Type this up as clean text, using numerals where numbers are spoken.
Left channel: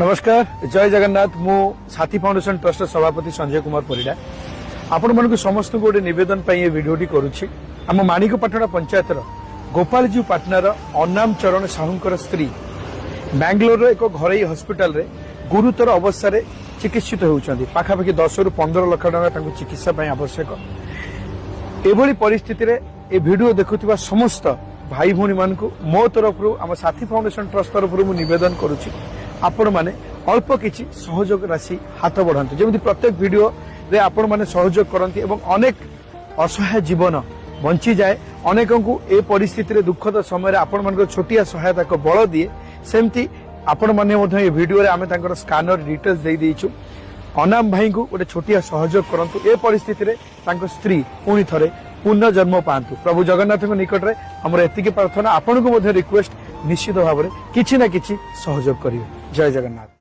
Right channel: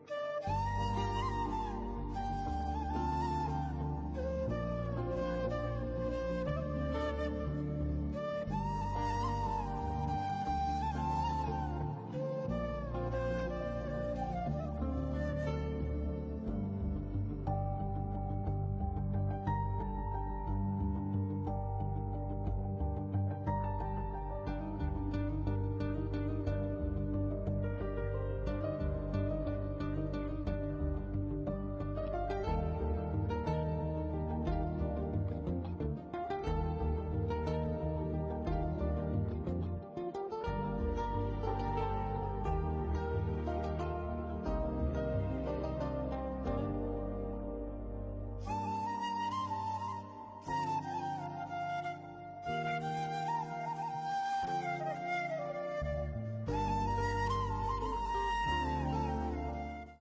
नमस्कार जय जगन्नाथ मु साथी फाउंडेशन ट्रस्ट सभापति संजय कुमार परिडा आपण मन समस्त को गोटे नवेदन ये भिडटी करुच्ची आम माणिकपाटଣା पंचायत गोपालजी पाटनार अन्नाम चरण साहूकर स्त्री बैंगलोर एक घरोई हस्पिटाल रे गुरुतर अवस्था रे चिकित्सित होउछंती पाखापाखि 10 रु 15 लाख टका चिकित्सा आवश्यक एभली परिस्थिति रे ए भिडियो देखुथिबा समस्त भाई भौणी मान मो तरफ आम साथी फाउंडेशन ट्रस्ट तरफ नवेदन करुच्ची आपण माने अल्प किछि सहयोग राशि हाथ बढ़ाते जमी प्रत्येक वीडियो रे आपण माने सहयोग करती एवं अनेक असहाय जीवन बंची जाए अनेक को ए परिस्थिति रे दुखद समय आपण मान छोटिया सहायता को बल दिए सेमती आपण माने मध्य ए वीडियो रे आमे तांकर स्कैनर डिटेल्स दे देइछु अनाम भाई को गोटे छोटिया सहयोग करंतु ए परिस्थिति रे तांको स्त्री पुणी थरे पुनः जन्म पांतु प्रभु जगन्नाथ निकट में हमर एतिकी प्रार्थना आपण को रिक्वेस्ट निश्चित भाव में किछि ना किछि सहयोग करिवे जय जगन्नाथ।